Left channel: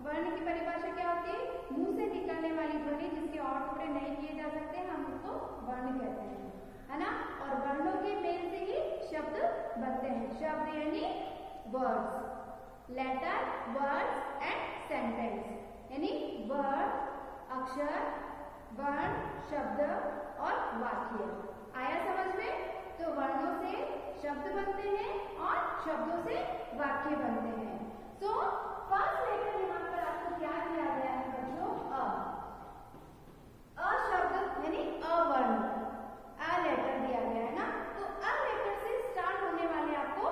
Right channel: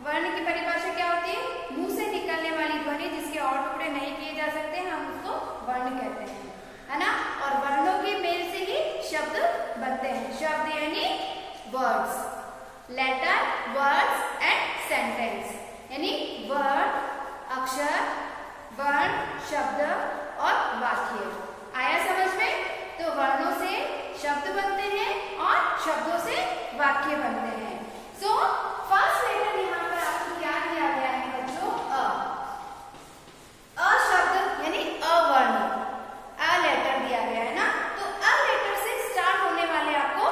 वर्ण की परिभाषा क्या होती है? मुंह से निकलने वाली ध्वनि जिसके और टुकड़े नहीं किए जा सकते, हम उसको वर्ण कहते हैं, है ना। और वर्णों के मेल से ही शब्द बनते हैं। शब्द यानी words, letter, words and sentence, यानी वर्ड, अक्षर, वर्ण, शब्द और वाक्य। आया समझ में? तो वर्णों से शब्द बनते हैं और शब्दों से वाक्य बनते हैं। सो फर्स्ट लेटर यहाँ पर आपको क्या दिया गया है बच्चों? अ शब्द यानी अवर्ण, अ लेटर दिया गया है ना। तो अ लेटर से स्टार्ट होने वाले आपको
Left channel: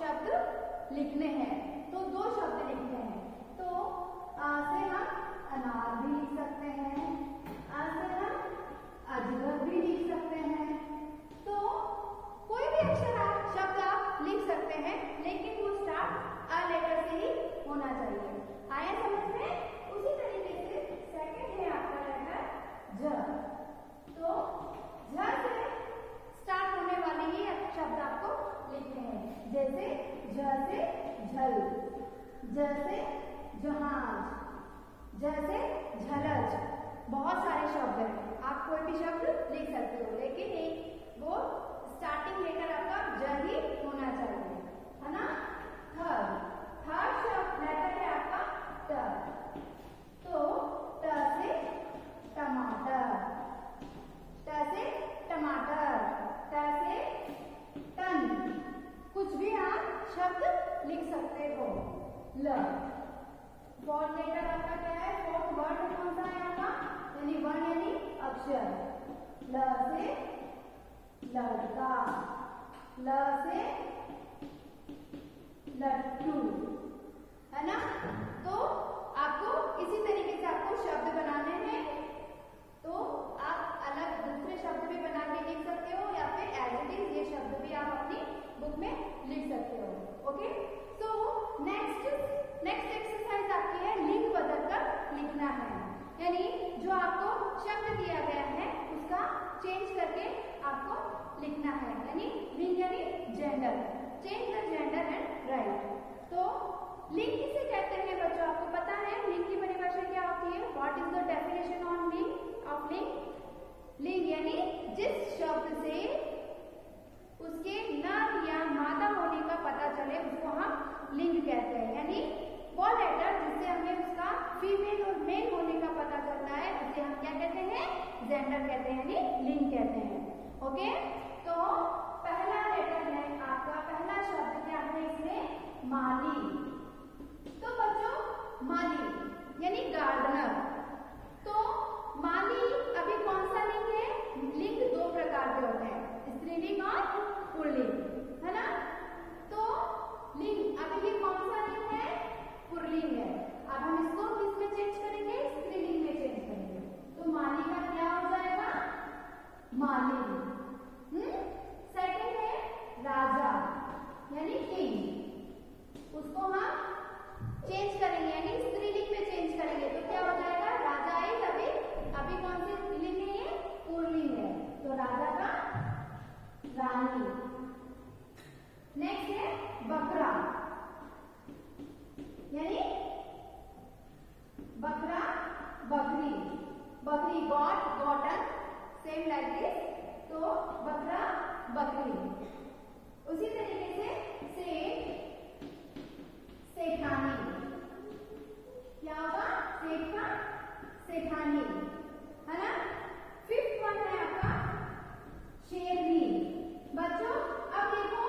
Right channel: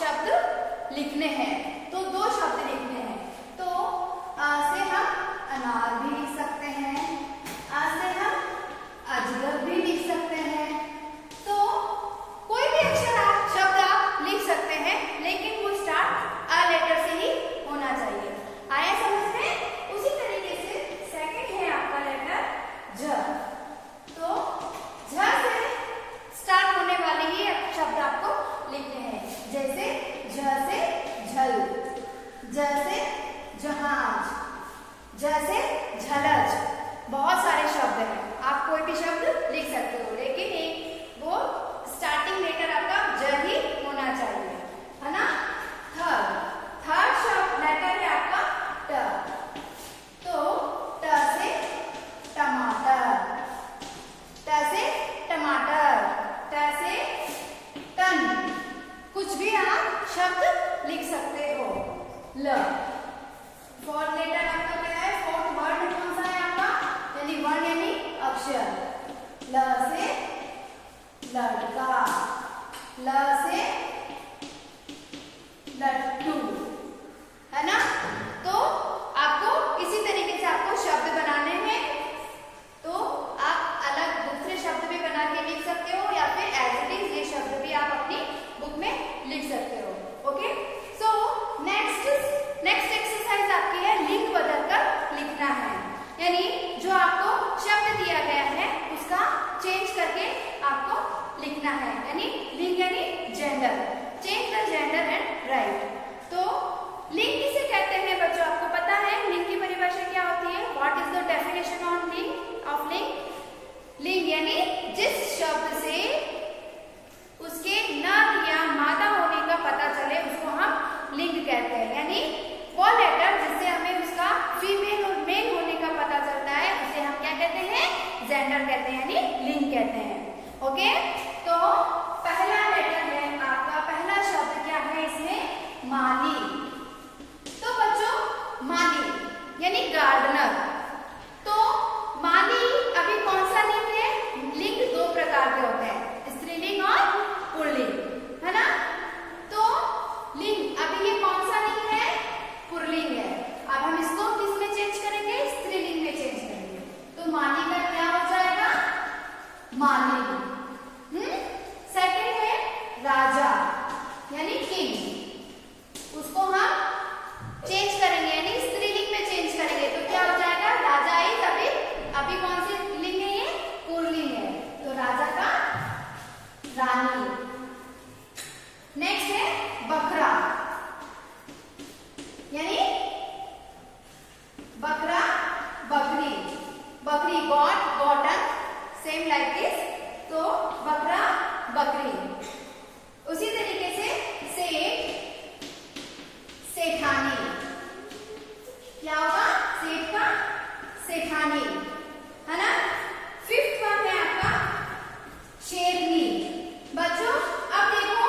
शब्द लिखने हैं। तो दो शब्द लिखने हैं। तो अ से हम अनार भी लिख सकते हैं, अ से हम अजगर भी लिख सकते हैं। तो कोई भी अक्षर आप शब्द आप लिख सकते हैं, लेकिन वो स्टार्ट अ लेटर से ही होना चाहिए। आया समझ में? उसी तरीके से सेकंड है आपका लेटर ज। तो झ से स्टार्ट होने वाले ही शब्द आपको लिखने हैं। जैसे झ से झल, ज से जहाज, झ से झलझ। बहुत सारे शब्द हैं, आप कोई भी शब्द लिख सकते हो, लेकिन एक वो स्टार्टिंग लेटर आपका ज ही होना चाहिए, है ना। थर्ड शब्द लेटर है आपका ट। तो ट से टमाटर, ट से टमाटर, ट से टन। कुछ भी आप शब्द लिख सकते हो। ल। फोर्थ लेटर आपका क्या है? फोर्थ वर्ड कौन सा है आपका? यानी वर्ण यानी अक्षर। ल से लड़का, ल से लट्टू, है ना। तो आपको इसी तरीके से आपको शब्द बनाने हैं। तो आप अलग दूसरे शब्द भी बना के लिख सकते हो, या फिर एज इट इज ये शब्द भी आप अपनी बुक में लिख सकते हो। ओके। सो नेक्स्ट एक्सरसाइज आपकी है लिंग बदलकर लिखना है। यानी जो आपको शब्द दिया गया है उसका चेंज करके आपको लिखना है। यानी लिंग यानी gender, change the gender and right. तो लिंग किसे कहते हैं बच्चों? आपको पता है लिंग की परिभाषा क्या होती है? What is the definition on लिंग ऑफ लिंग? लिंग यानी जिस शब्द से उसके नर या मादा होने का पता चले उसको हम लिंग कहते हैं। यानी वो लेटर जिससे हमें उसका फीमेल और मेल होने का पता चलता है उसे हम क्या कहते हैं? जेंडर कहते हैं, यानी लिंग कहते हैं। ओके। तो पहला लेटर है आपका, पहला शब्द क्या है इसमें? माली। तो बच्चों माली यानी गार्डनर। तो माली अभी कौन सा लिंग है? लिंग दो प्रकार के होते हैं, स्त्रीलिंग और पुल्लिंग, है ना। तो लिंग अभी ये कौन सा लिंग है? पुल्लिंग है। अब हम इसको किस में चेंज करेंगे? स्त्रीलिंग में चेंज करेंगे। तो माली का क्या हो जाएगा? मालिनी। सेकंड है राजा यानी किंग, उसको हम चेंज करेंगे, यानी स्त्रीलिंग में चेंज करेंगे। तो क्या हो जाएगा? राजा इज अभी कौन सी लिंग है? ये पुल्लिंग है। तो राजा का रानी। नेक्स्ट है बकरा, यानी बकरा बकरी, बकरी got, gotten, same like this. तो बकरा बकरी। उसी तरीके से सेठ, सेठानी। क्या होगा? सेठ का सेठानी, है ना। फिफ्थ वन है आपका शेरनी। बच्चों अब देखो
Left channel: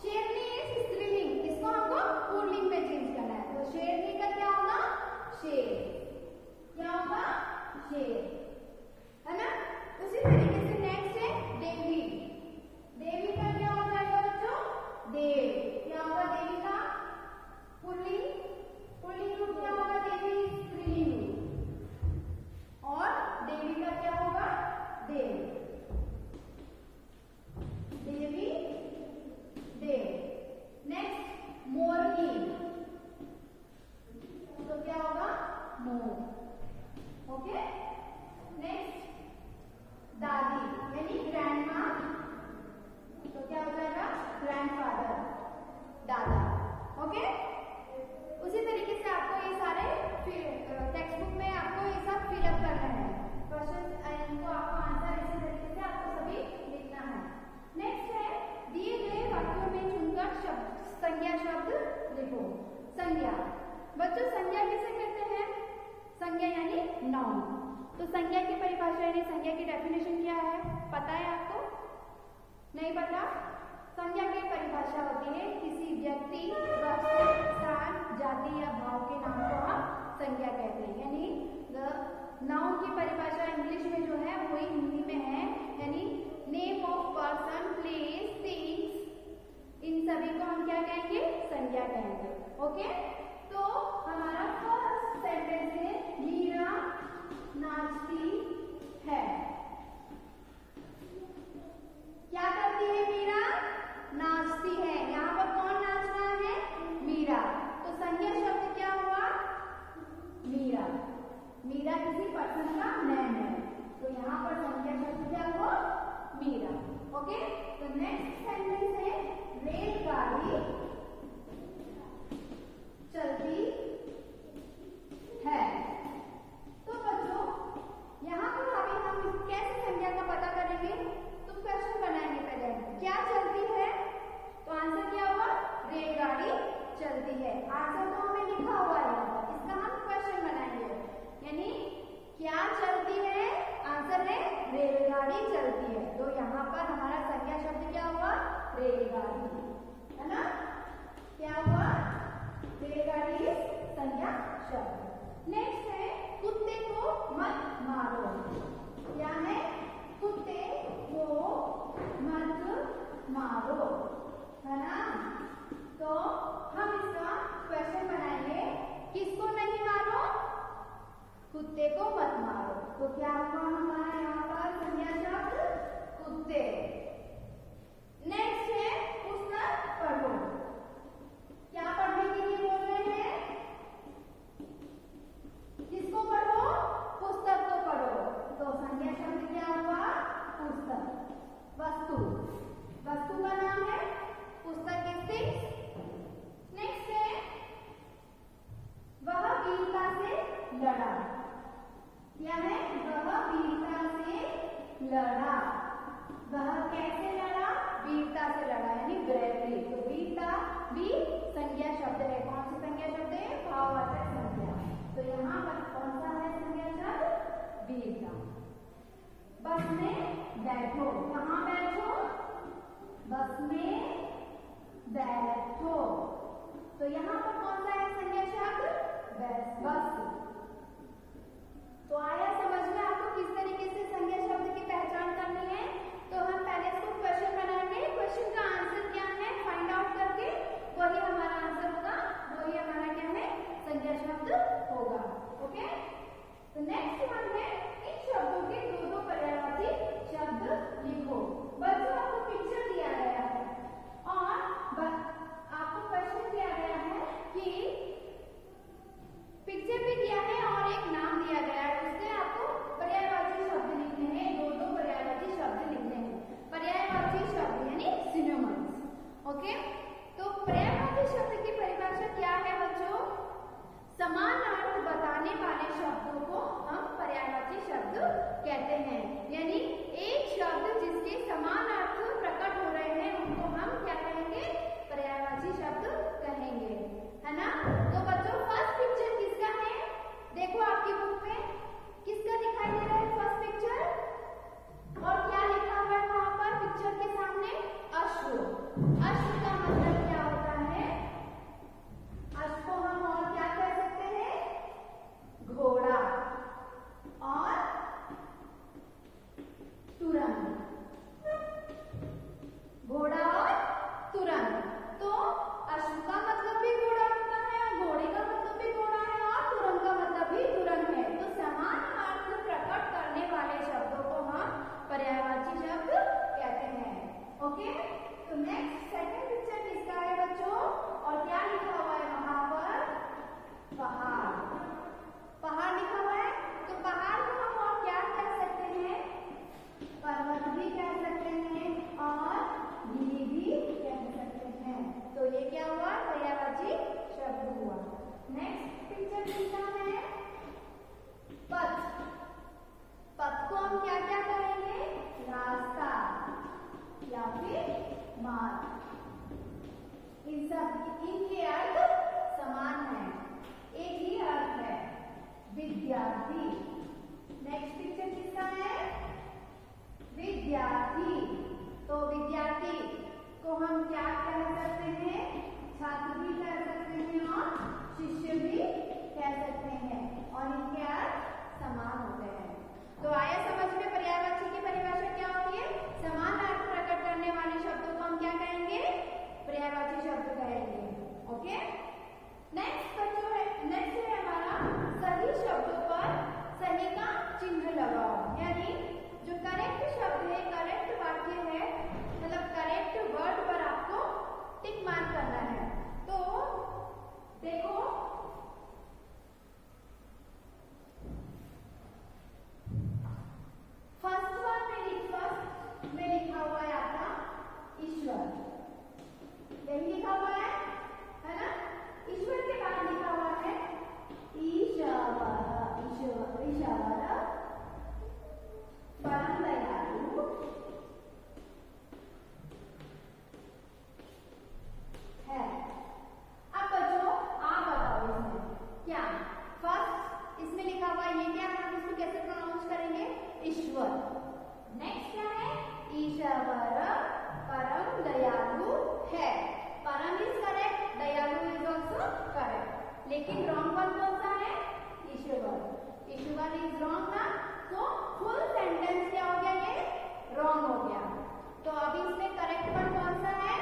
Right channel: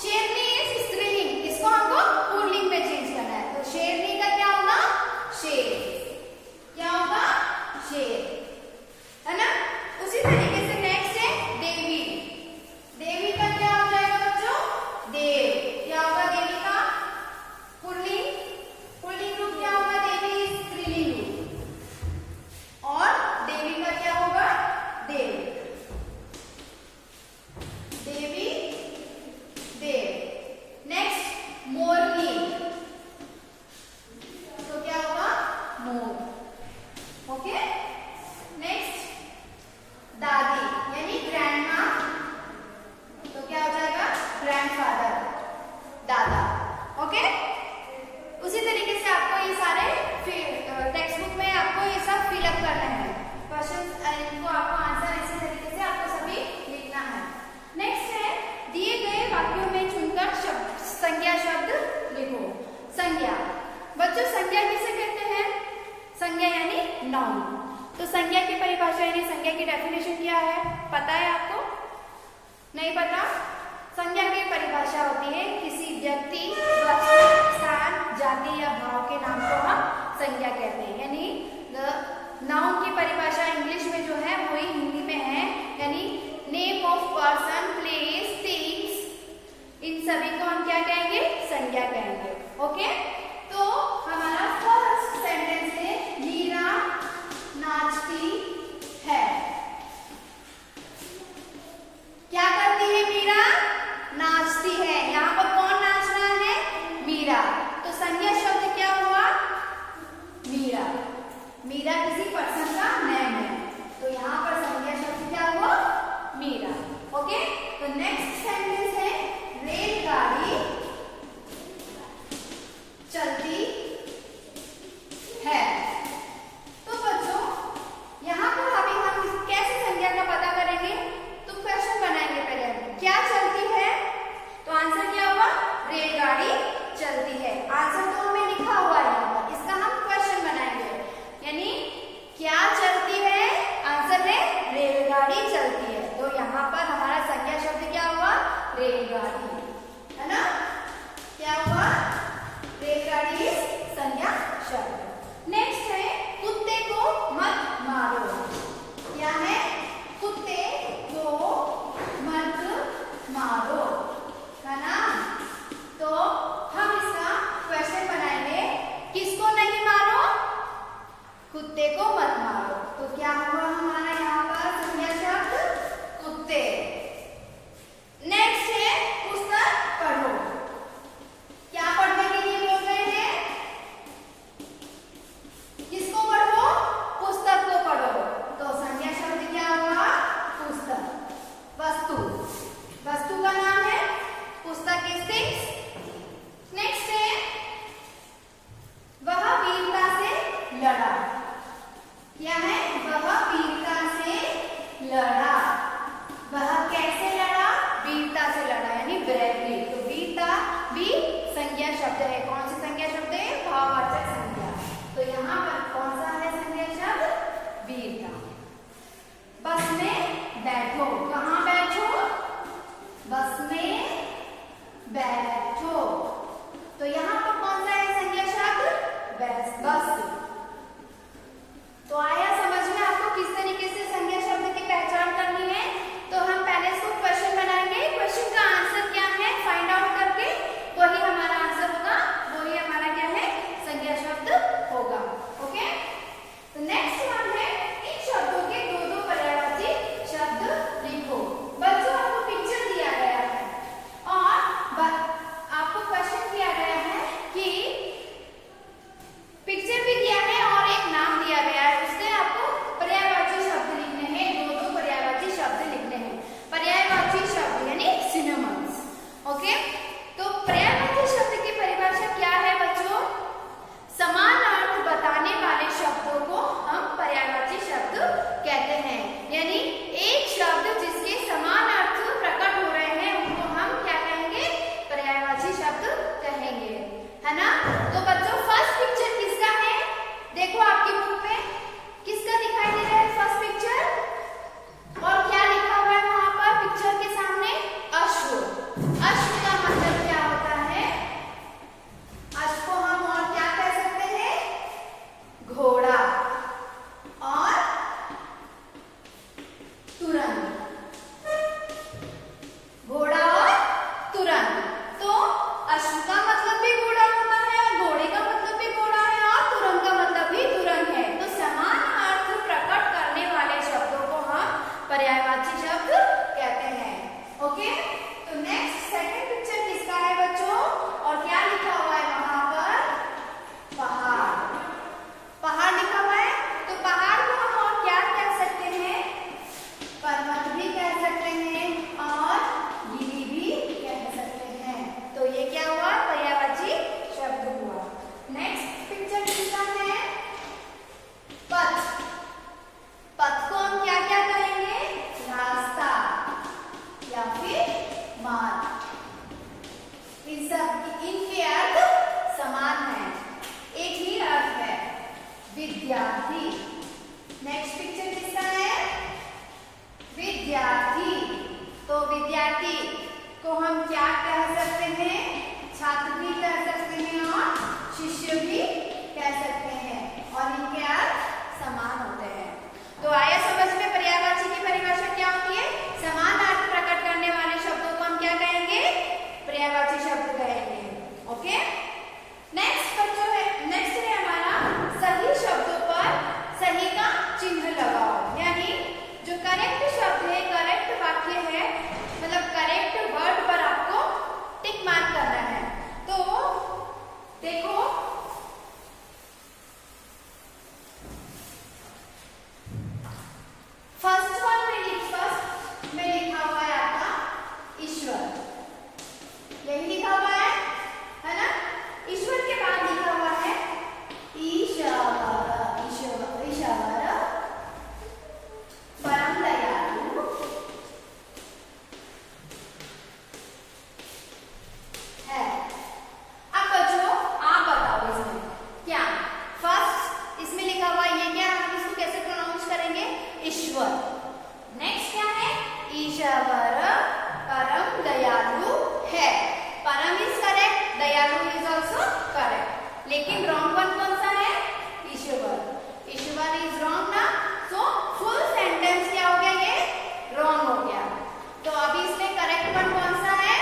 शेरनी इज स्त्रीलिंग, इसको हमको पुल्लिंग में चेंज करना है। तो शेरनी का क्या होगा? शेर। क्या होगा? शेर, है ना। उसी तरीके से नेक्स्ट है देवी। देवी का क्या हो जाएगा बच्चों? देव। क्या होगा देवी का? पुल्लिंग। पुल्लिंग रूप क्या होगा? देवी स्त्रीलिंग रूप। और देवी का क्या होगा? देव। संज्ञा की परिभाषा यानी संज्ञा की डेफिनेशन क्या है, पता है आपको? नहीं पता? संज्ञा की परिभाषा होती है किसी व्यक्ति, वस्तु, स्थान, जाति या भाव के नाम को हम संज्ञा कहते हैं। यानी नाउन की परिभाषा इंग्लिश में जो है वही हिंदी में है, यानी name of person, place, things, इन सभी को हम क्या कहेंगे? संज्ञा कहेंगे। ओके, तो हमारा फर्स्ट सेंटेंस है मीरा नाचती है। क्या करती है मीरा? नाचती है। यहाँ पर कौन नाच रहा है? मीरा। तो संज्ञा शब्द क्या हुआ? मीरा। मीरा किसी पर्सन का नेम है, तो यहाँ पर संज्ञा शब्द क्या हुआ? मीरा। ओके, तो नेक्स्ट सेंटेंस है रेलगाड़ी चलती है। तो बच्चों यहाँ पर अभी हम कैसे संज्ञा का पता करेंगे? तो क्वेश्चन बनाएंगे पहले। क्या चलती है? तो आंसर क्या हुआ? रेलगाड़ी चलती है। आंसर तो हमें लिखा हुआ है यहाँ पर, इसका हम क्वेश्चन बनाएंगे। यानी क्या चलती है? आंसर है रेलगाड़ी चलती है। तो यहाँ पर हमारा संज्ञा शब्द क्या हुआ? रेलगाड़ी, है ना? क्या हुआ? रेलगाड़ी संज्ञा शब्द। नेक्स्ट है कुत्ते को मत मारो। क्या है? कुत्ते को मत मारो, है ना? तो हम इसका क्वेश्चन बनाएंगे, किसको नहीं मारो? कुत्ते को मत मारो। तो क्या हुआ हमारा यहाँ पर संज्ञा शब्द? कुत्ते। नेक्स्ट है पुस्तक पढ़ो। क्या पढ़ने के लिए बोल रहे हैं? किसको पढ़ो? पुस्तक को पढ़ो। तो संज्ञा शब्द क्या हुआ? पुस्तक। वस्तु, वस्तु का नाम है पुस्तक इज थिंग्स। नेक्स्ट है वह वीरता से लड़ा। क्या है? वह वीरता से लड़ा। वह कैसे लड़ा? वीरता से लड़ा, यानी ब्रेवरी। तो वीरता भी संज्ञा शब्द है। कौन सी संज्ञा शब्द है? भाववाचक संज्ञा। तो यहाँ पर कौन सा है संज्ञा शब्द? वीरता। बस में बैठो। कहाँ बैठो? बस में बैठो। तो यहाँ पर कौन सा है संज्ञा शब्द? बस। तो आया समझ में आपको किस तरीके से संज्ञा शब्द की पहचान करनी है? तो हम पहले इसको क्वेश्चन बनाएंगे। क्वेश्चन का आंसर क्या है फाइंड आउट करके वही हमारा आंसर होगा, वही हमारा क्या है? संज्ञा शब्द होगा। ओके, तो नेक्स्ट वन है इन शब्दों के दो दो पर्यायवाची शब्द लिखो। बच्चों आपको पिक्चर दिया गया है और आपको क्वेश्चन दिया गया है कि पिक्चर भी दिया है और एक नाम दिया गया है, उससे आपको पर्यायवाची शब्द लिखने हैं। दो दो पर्यायवाची शब्द लिखने हैं। पर्यायवाची शब्द यानी सिनोनिम्स। ओके, तो पर्यायवाची शब्द की परिभाषा क्या है बच्चों? समान अर्थ बताने वाले शब्दों को हम पर्यायवाची शब्द कहते हैं। यानी एक शब्द जिसके समान अर्थ प्रकट हो रहे हैं उनको हम क्या कहेंगे? पर्यायवाची शब्द कहेंगे, है ना? तो बच्चों फर्स्ट पिक्चर किसका है? देखो आपकी बुक में किसका दिखाई दे रहा है फर्स्ट पिक्चर? और क्या लिखा हुआ है वहां पर पिक्चर के सामने? अश्व। अश्व का मतलब क्या होता है? अश्व को हम और क्या कह सकते हैं? घोड़ा और तुरंत। घोड़ा और तुरंत। तो अश्व का मतलब भी घोड़ा होता है और घोड़े का मतलब भी घोड़ा है और तुरंत का मतलब भी तुरंत है। तो समान अर्थ प्रकट करने वाले शब्दों को हम पर्यायवाची शब्द कहते हैं। ओके, तो नेक्स्ट सेकंड पिक्चर किसका है बच्चों? और क्या लिखा हुआ है वहां पर? पहाड़। पहाड़ लिखा हुआ है। तो पहाड़ को हम और क्या कह सकते हैं? पर्वत भी कह सकते हैं और गिरी भी कह सकते हैं। तो ये क्या हुआ? पर्यायवाची शब्द हुआ। नेक्स्ट पिक्चर किसका है? पथ। पथ को हम क्या क्या कहेंगे? रास्ता या फिर मार्ग। इनके अर्थ समान है, एक ही अर्थ है, विद्यार्थी। नेक्स्ट को हम क्या कह सकते हैं? छात्र भी कह सकते हैं और शिष्य भी कह सकते हैं, और इनके अर्थ समान होते हैं। तो आया समझ में पर्यायवाची की परिभाषा क्या होती है? समान अर्थ प्रकट करने वाले शब्दों को हम क्या कहेंगे? पर्यायवाची शब्द कहेंगे। ओके, नेक्स्ट बच्चों है, नेक्स्ट है हमारा सही शब्दों पर सही का चिन्ह लगाओ। यानी जो करेक्ट शब्द है, करेक्ट वाक्य है, मतलब करेक्ट वर्ड पर आपको टिक मार्क करना है। तो देखो, फर्स्ट वन में लिखा हुआ है आपका ईश्वर, यही लिखा हुआ है ना? ईश्वर के बाद लिखा हुआ है ईशावर, ईशावर परम दयालु है। अब बच्चों आप बताओ इसमें क्या फर्स्ट इसमें लिखा हुआ है, ये क्या, हम इसको कैसे प्रोनाउंस करेंगे? ईश्वर। नेक्स्ट क्या है? ईशावर परम दयालु है। परम इज करेक्ट, दयालु इज ऑल्सो करेक्ट, लेकिन रॉन्ग वन कौन सा है? ईश्वर। ईश्वर इज रॉन्ग ना, सो फुल सेंटेंस क्या हो गया? ये रॉन्ग हो गया। तो अभी इसमें करेक्ट वन कौन सा है?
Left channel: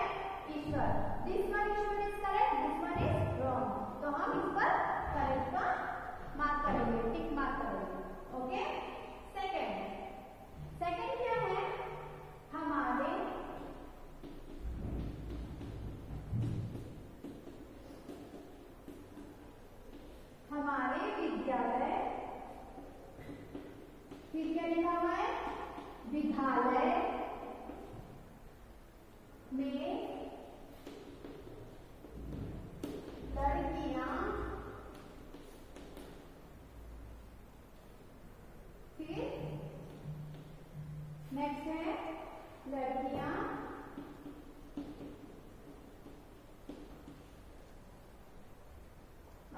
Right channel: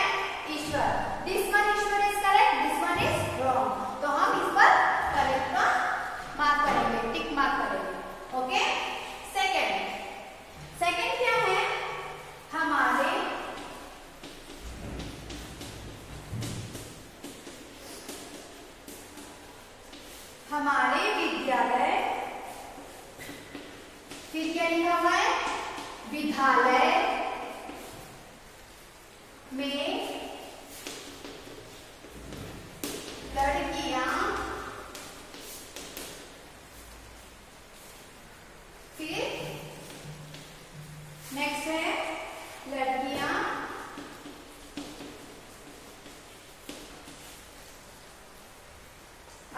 ईश्वर। दिस वन ईश्वर is correct, this one is wrong. तो हम इस पर करेक्ट का मार्क करेंगे, टिक मार्क करेंगे। ओके, सेकंड क्या है? हमारे विद्यालय, फिर क्या लिखा हुआ है? विद्यालय में लड़कियां, फिर नेक्स्ट है लड़कियां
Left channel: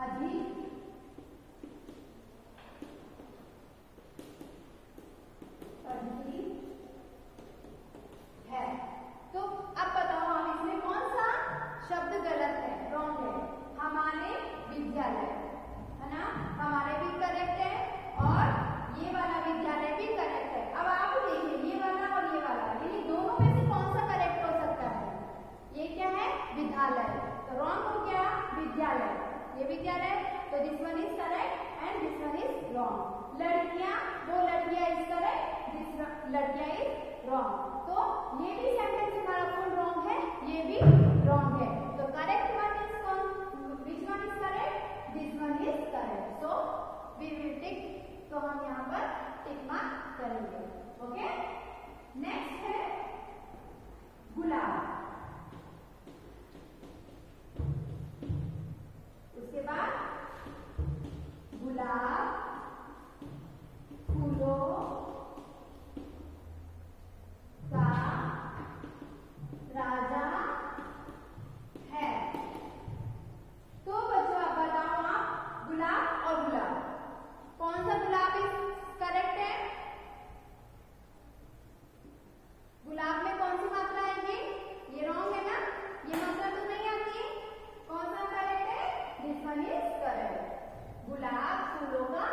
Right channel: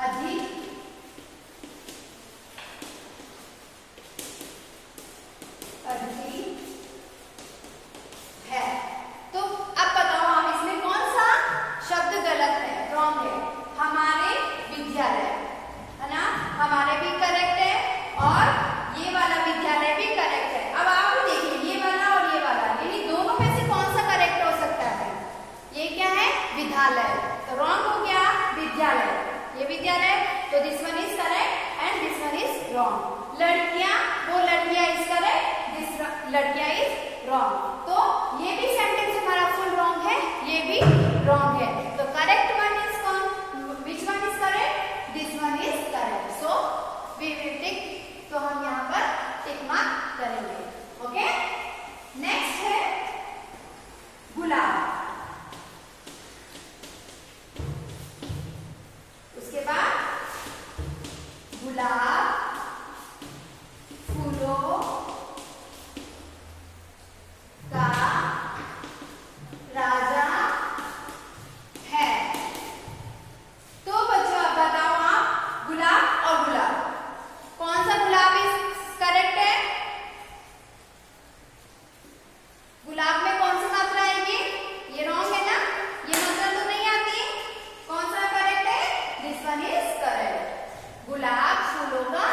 अधिक है। तो अब बताओ हम इसमें कौन सा शब्द गलत है, रॉन्ग है? हमारे विद्यालय है ना, हमारे भी करेक्ट है और ये वाला विद्यालय भी करेक्ट है। अब आप भी देखिए, ये वाला और ये वाला, यानी दोनों में से कौन सा करेक्ट हो सकता है? ये क्या है? विद्यालय, तो रॉन्ग हो गया विद्यालय, ये विद्यालय, तो this one is correct and this one is wrong. लड़कियां, वो लड़कियां इज करेक्ट, दिस लड़कियां इज रॉन्ग। तो ये भी सेंटेंस हमारा फुल रॉन्ग है, ये भी रॉन्ग है। तो करेक्ट वन इज कौन? Which one is correct? This one is correct, so we will tick. तो हम यहाँ पर टिक मार्क करेंगे। ओके, नेक्स्ट है गुलाब, उसके बाद गुलाब फूलों का राजा है। तो बच्चों अब बताओ आप, गुलाब और गुलाब, कौन सा गुलाब इज करेक्ट है? गुलाब में कौन सी मात्रा आएगी? ये रॉन्ग है ना, ये मात्रा तो नहीं आती। कौन सा करेक्ट है? दिस वन इज करेक्ट, गुलाब फूलों का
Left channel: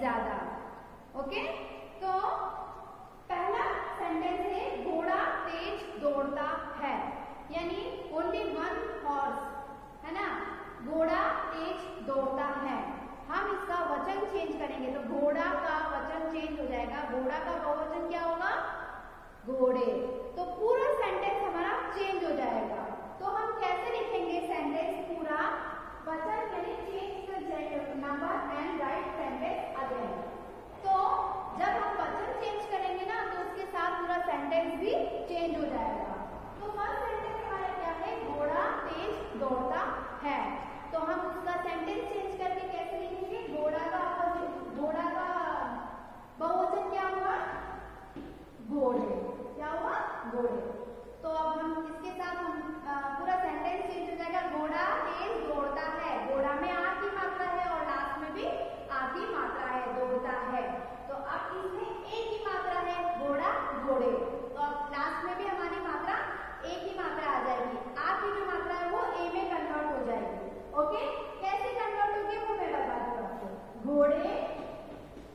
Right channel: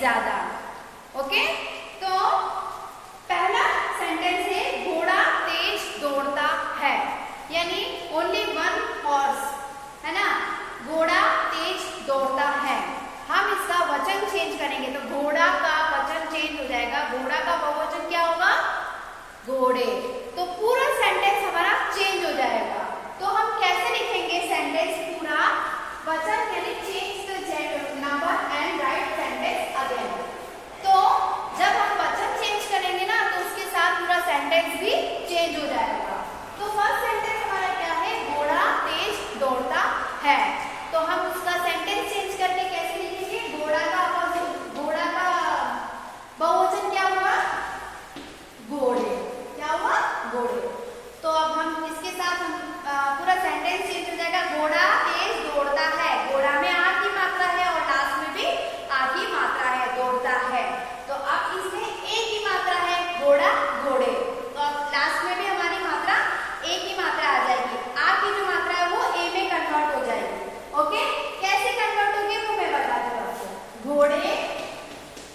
ज्यादा। ओके, तो पहला सेंटेंस है घोड़ा तेज दौड़ता है, यानी ओनली वन हॉर्स, है ना, घोड़ा तेज दौड़ता है। हम इसका वचन चेंज करेंगे तो घोड़ा का वचन चेंज हो जाएगा, घोड़ा का बहुवचन क्या होगा, घोड़े। तो पूरा सेंटेंस हमारा चेंज हो जाएगा। तो हम कैसे लिखेंगे सेंटेंस पूरा वचन, यानी change the number and right sentence again. तो जब हम वचन चेंज करेंगे ना तो उसके साथ पूरा सेंटेंस भी चेंज हो जाएगा। तो फर्स्ट सेंटेंस हमारा क्या है, घोड़ा तेज दौड़ता है। तो हम उसका सेंटेंस चेंज करके कैसे लिखेंगे, घोड़ा का बहुवचन क्या हुआ, घोड़े, क्या हुआ, घोड़े। तो अब हम इसके साथ पूरा सेंटेंस चेंज हो जाएगा, घोड़ा तेज दौड़ता है। घोड़ा में आ की मात्रा है और लास्ट में भी आ की मात्रा है, दौड़ता है। तो अब इसमें ए की मात्रा है, घोड़ा घोड़े, तो अब लास्ट में भी हमारी मात्रा ए की मात्रा आ जाएगी। आ की जो मात्रा है वो ए में कन्वर्ट हो जाएगी। ओके, कैसे कन्वर्ट होगी वो मैं बता दूं आपको। घोड़े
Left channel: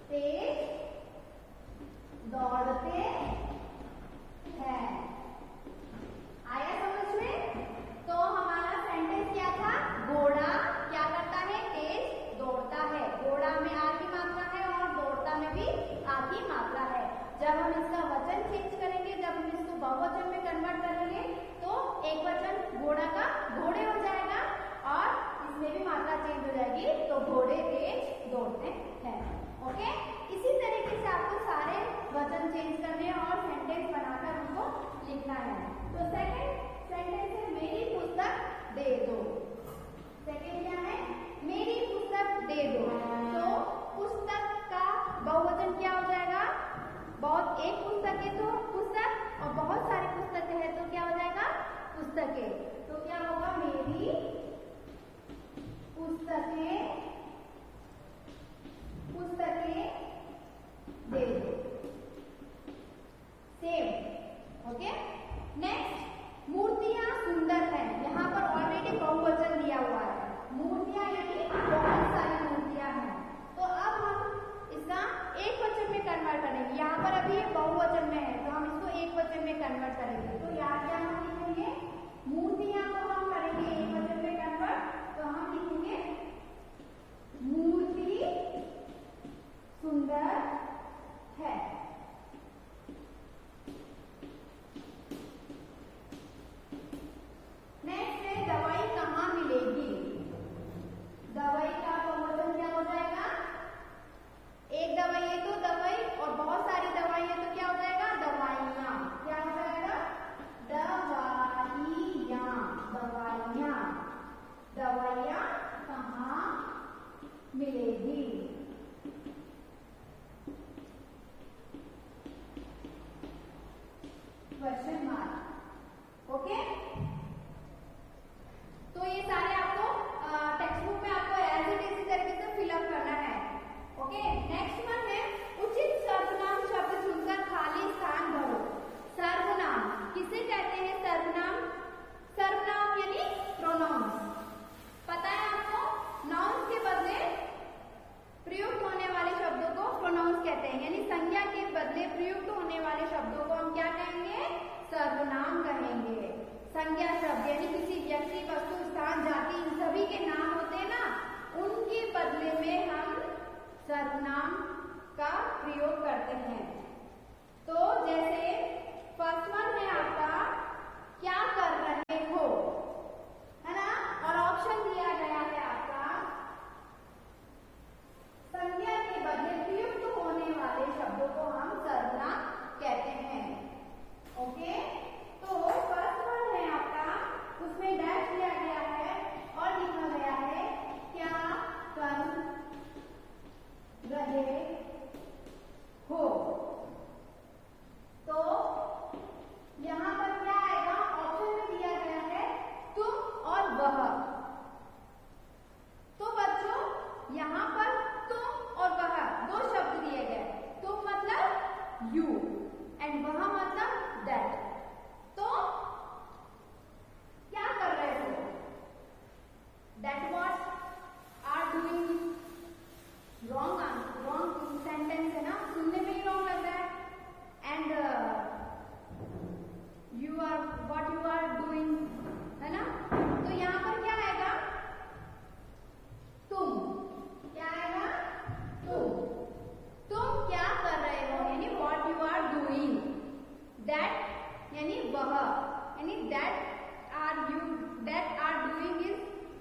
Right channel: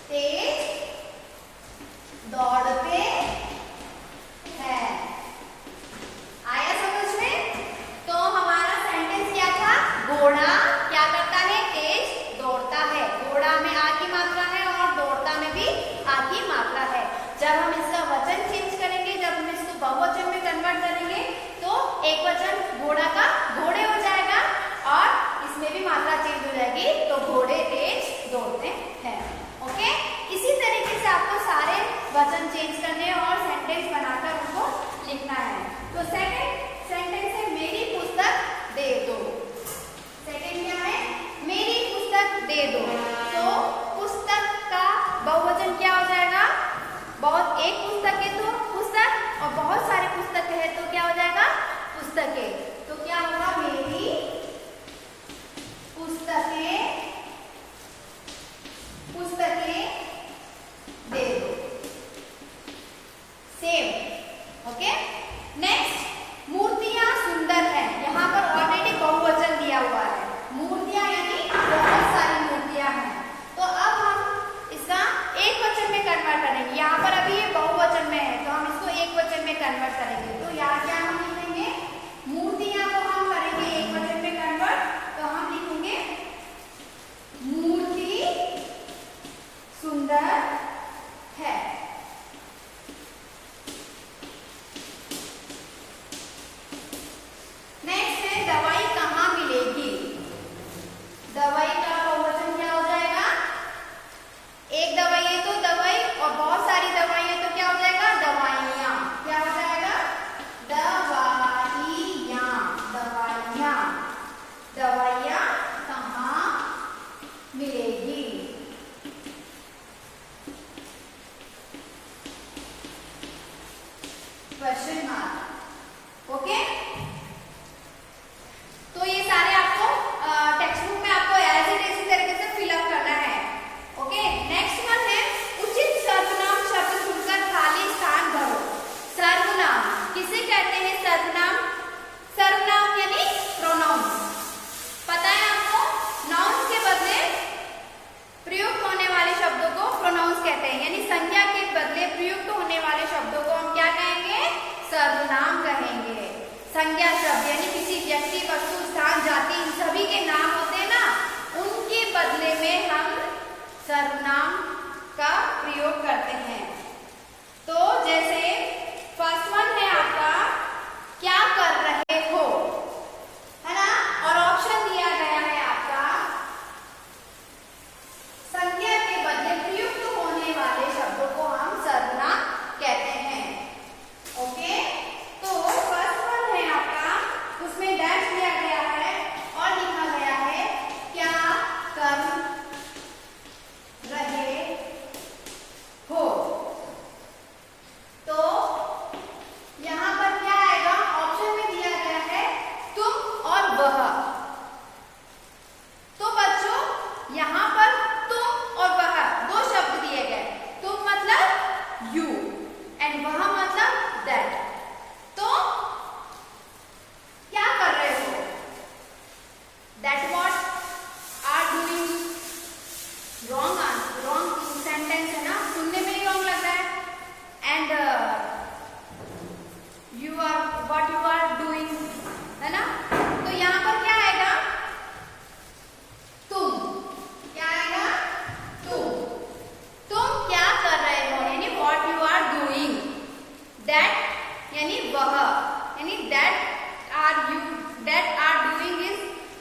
तेज दौड़ते हैं, आया समझ में। तो हमारा सेंटेंस क्या था, घोड़ा क्या करता है, तेज दौड़ता है। घोड़ा में आ की मात्रा है और दौड़ता में भी आ की मात्रा है। जब हम इसका वचन चेंज करेंगे, जब हम इसको बहुवचन में कन्वर्ट करेंगे तो एक वचन घोड़ा का घोड़े हो जाएगा और इसमें भी मात्रा चेंज हो जाएगी, तो घोड़े तेज दौड़ते हैं। ओके, इसी तरीके से आपको सारे वचन चेंज करने और सेंटेंस बनाकर उनको लिखना है। तो सेकंड सेंटेंस है मेरी पुस्तक दे दो। सेकंड क्या है, मेरी पुस्तक दे दो। तो पुस्तक का बहुवचन क्या हो जाएगा, बहुत एक पुस्तक है तो पुस्तक, और बहुत सारी पुस्तक है तो क्या हो जाएगा, पुस्तकें। तो क्या होगा, मेरी पुस्तकें दे दो, सेम। ओके, नेक्स्ट मूर्तियां सुंदर हैं। यहाँ पर ऑलरेडी बहुवचन दिया हुआ है, मूर्तियां यानी बहुत सारी मूर्तियां हैं। तो अब हम इसका एक वचन में कन्वर्ट करेंगे। यहाँ पर अभी ये बहुवचन में है तो हम इसको एक वचन में कन्वर्ट करेंगे। तो यहाँ क्या हम लिखेंगे, मूर्तियां को हम करेंगे एक वचन में कन्वर्ट, तो हम लिखेंगे मूर्ति सुंदर है। नेक्स्ट है दवाई कहाँ मिलेगी। दवाई का बहुवचन क्या हो जाएगा, एक दवाई है तो दवाई, और बहुत सारी दवाई है तो क्या हो जाएगा, दवाइयाँ। क्या हो जाएगा, दवाइयाँ, दवाइयाँ, दवाइयाँ कहाँ मिलेगी। Question mark. ओके, तो ये सारे आपको टेक्स्ट बुक में आपको एज इट इसी तरीके से फिलअप करना है। ओके, नेक्स्ट वन है उचित सर्वनाम शब्द चुनकर खाली स्थान भरो। सर्वनाम किसे कहते हैं, सर्वनाम, सर्वनाम यानी प्रोनाउंस। पता है आपको, नाउन्स के बदले प्रयुक्त होने वाले शब्दों को प्रोनाउंस कहते हैं, यानी संज्ञा के बदले प्रयुक्त होने वाले शब्दों को हम क्या कहेंगे, सर्वनाम कहेंगे। संज्ञा शब्द यानी किसी व्यक्ति, वस्तु, स्थान, जाति, इन सभी के नाम होते हैं ना, उनके बदले में हम सर्वनाम का प्रयोग करते हैं। तो जैसे फर्स्ट वन है आपका, क्या कर रहे हो, है ना, और ऑप्शन दिया गया है आपका संज्ञा के बदले प्रयुक्त होने वाले शब्दों को हम सर्वनाम कहते हैं। ओके, तो फर्स्ट वन है आपका, उसमें डैश दिया गया है और लिखा गया है क्या कर रहे हो। तो सेंटेंस है ना, सुनने में ही रॉन्ग लग रहा है। And you are what you are doing, है ना। तो यहाँ पर क्या आएगा, तुम, क्या आएगा, तुम क्या कर रहे हो, यानी what you are doing. That यानी वह, यानी that are doing is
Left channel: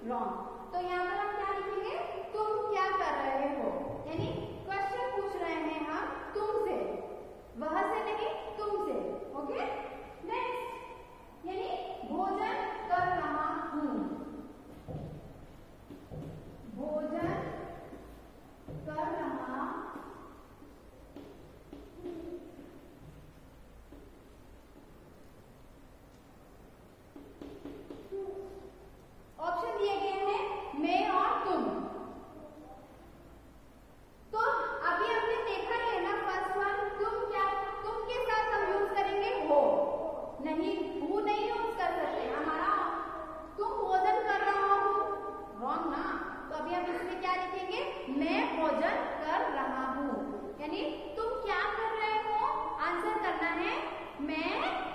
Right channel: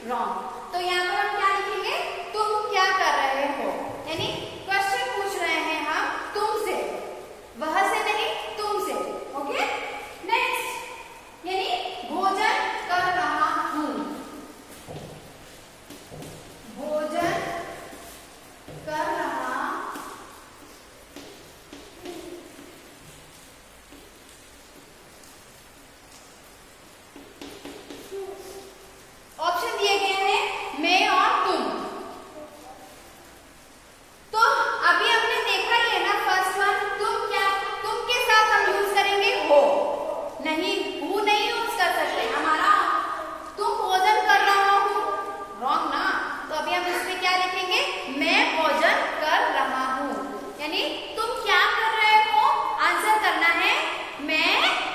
wrong. तो यहाँ पर हम क्या लिखेंगे, तुम क्या कर रहे हो, यानी क्वेश्चन पूछ रहे हैं हम तुमसे, वह से नहीं, तुमसे। ओके, नेक्स्ट, यानी भोजन कर रहा हूं, भोजन कर रहा ऑप्शन दिए गए हैं मैं और तुम। तो अभी हमने देखा ही है ना, फर्स्ट वन, तुम के साथ हम यूज करेंगे हो, नहीं हु नहीं यूज कर सकते। हमारा तुम भोजन कर रहा हूं, रॉन्ग ना। तो अभी हम इसमें क्या लिखेंगे, मैं भोजन कर रहा हूं, यानी तुम क्या कर रहे हो, आंसर करना है मैं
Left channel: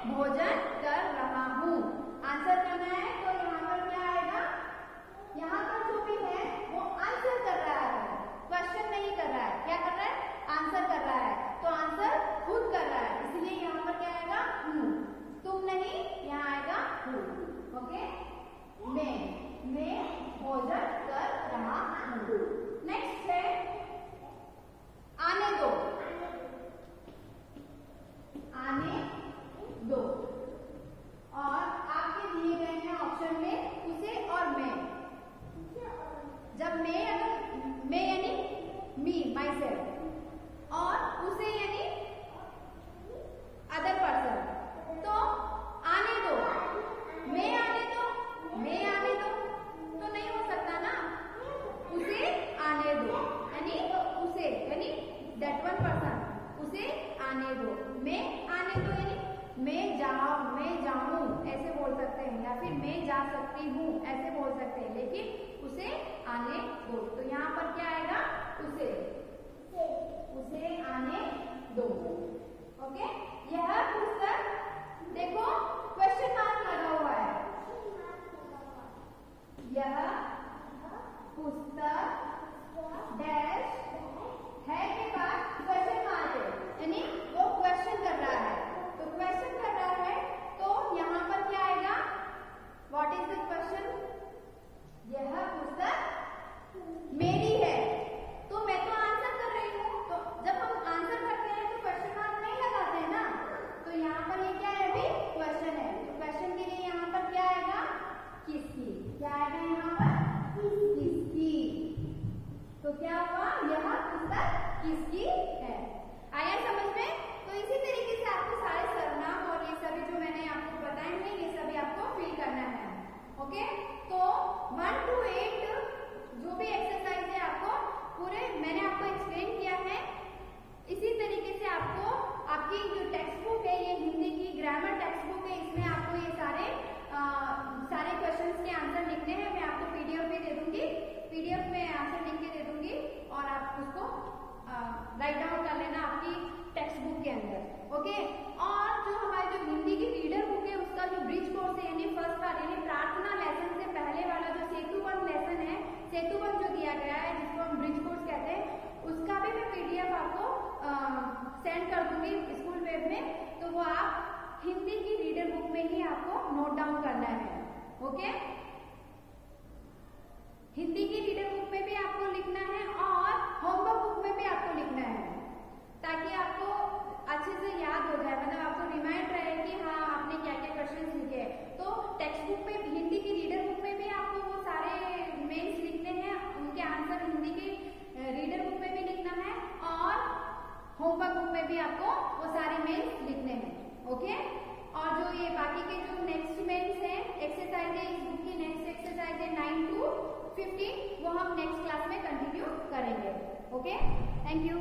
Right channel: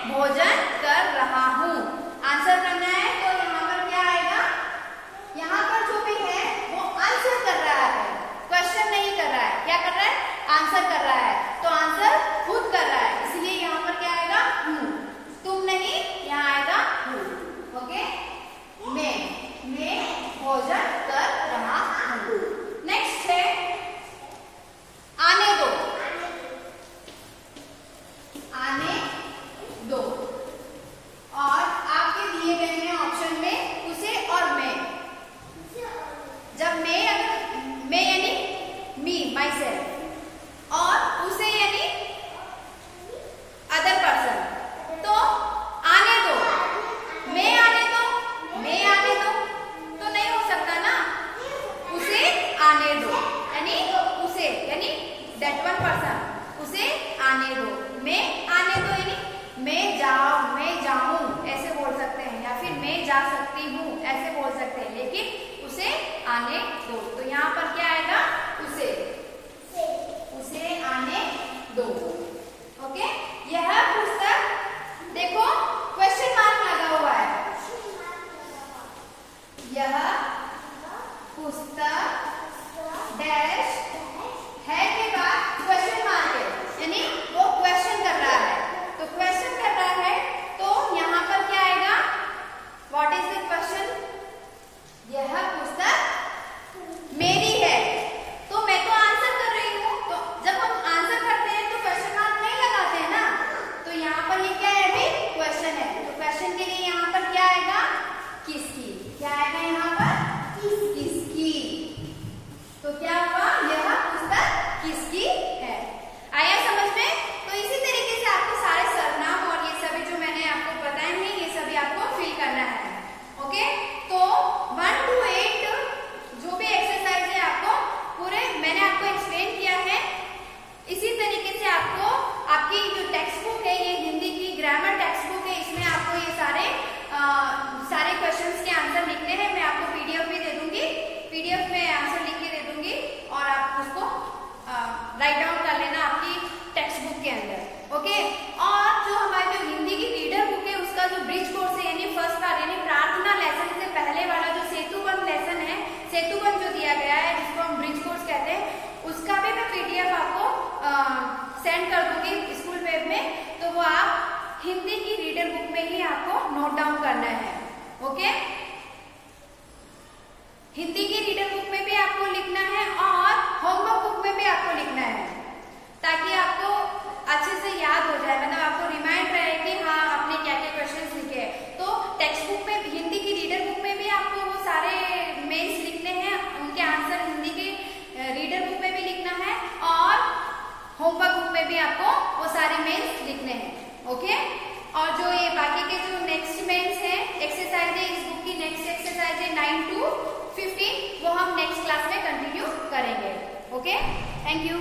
भोजन कर रहा हूं, आंसर करना है। तो यहाँ पर क्या आएगा, यहाँ पर जो भी है वो आंसर कर रहा है, क्वेश्चन नहीं कर रहा है, क्या कर रहा है, आंसर कर रहा है। तो आंसर खुद कर रहा है, इसलिए यहाँ पर क्या आएगा, हूँ, तुम नहीं, यहाँ आएगा हूँ। ओके, मैं भोजन कर रहा हूँ। नेक्स्ट है आने दो, आने दो। और आपके दिए गए हैं ऑप्शन में उसे और मैं। जब मैं, अगर मैं यानी मी, माई सेल्फ, और उसे यानी अदर पर्सन, तो आने दो, मैं आने दो, मैं आने दो, तो नहीं हो सकता ना, उसे आने दो, यानी उसे, यानी दैट वन पर्सन, उसे आने दो। मैं आने दो यानी मैं जाऊं ऐसे बोल सकते हैं, या फिर मैं जा सकती हूँ ऐसे बोल सकते हैं, लेकिन उसे आने दो। तो यहाँ पर क्या आएगा, उसे आने दो। ओके, यह पुस्तक, देखो क्वेश्चन मार्क लगा हुआ है, यह पुस्तक डैश है के बाद क्वेश्चन मार्क है, यानी वो क्वेश्चन कर रहा है। तो क्वेश्चन कर रहा है, तो यहाँ पर क्या आएगा, व्हाट इज द क्वेश्चन, यह पुस्तक मेरी है, तो मैं तो आंसर कर रही हूँ। तो जब हम आंसर करते हैं तो क्वेश्चन मार्क नहीं लगाते हैं ना, तो यहाँ पर ये क्या है, अभी क्वेश्चन है। तो क्वेश्चन के लिए यहाँ पर क्या आएगा, किसकी, क्या आएगा यहाँ पर, किसकी। तो क्या हुआ, यह पुस्तक किसकी है। आया समझ में। तो इसी तरीके से आपको सारे सर्वनाम और ये सभी जो मैंने आपको बताए हैं, ये सभी आपको फिल करना है। ओके, तो 1 to 8 जो भी एक्सरसाइज है आपको पूरे मैंने आपको एक्सप्लेन किया है। इसी तरीके से आपको आपकी जो टेक्स्ट बुक है, ये हिंदी की ग्रामर टेक्स्ट बुक है, इसमें आपको ये सारे क्वेश्चंस के आंसर लिखने हैं। मैं आपको पीडीएफ भी दे दूंगी, पीडीएफ में आंसर लिख के दे दूंगी, और आप उसको राइट डाउन कर लेना आपकी टेक्स्ट बुक के अंदर। ओके, और जो हमारी जो हिंदी की रीडर बुक है, उसका जो ब्रिज कोर्स है, यानी फर्स्ट पार्ट, यानी प्रार्थना लेसन से पहले वाला जो सेतुबंध लेसन है, सेतुबंध जो दिया गया है, जिसको हम ब्रिज कोर्स कहते हैं, उसका भी मैं पीडीएफ आपको सेंड कर दूंगी स्कूल वेब में। तो वो आप हिंदी की रीडर बुक में ही आपको नोट डाउन करना है। ओके, हिंदी की रीडर बुक में भी आपको लिखना है और होमवर्क बुक में भी आपको लिखना है, ताकि आपको अच्छे से याद हो जाए, मतलब आपको रिमाइंड रहे कि हाँ आपने क्या क्या क्वेश्चंस लिखे हैं। तो टेक्स्ट बुक में, हिंदी की रीडर बुक में भी आपको वो सारे मेंस लिखने हैं, उनके आंसर हिंदी की रीडर बुक में भी लिखना है, और होमवर्क बुक में भी आपको वो सारे मेंस लिखने हैं। ओके, और जो ये बाकी के जो नेक्स्ट मेंस है एक्सरसाइज है, इस बुक की नेक्स्ट एक्सरसाइज है 9 to 15, वो हम नेक्स्ट क्लास में कंटिन्यू करेंगे। Okay, thank you.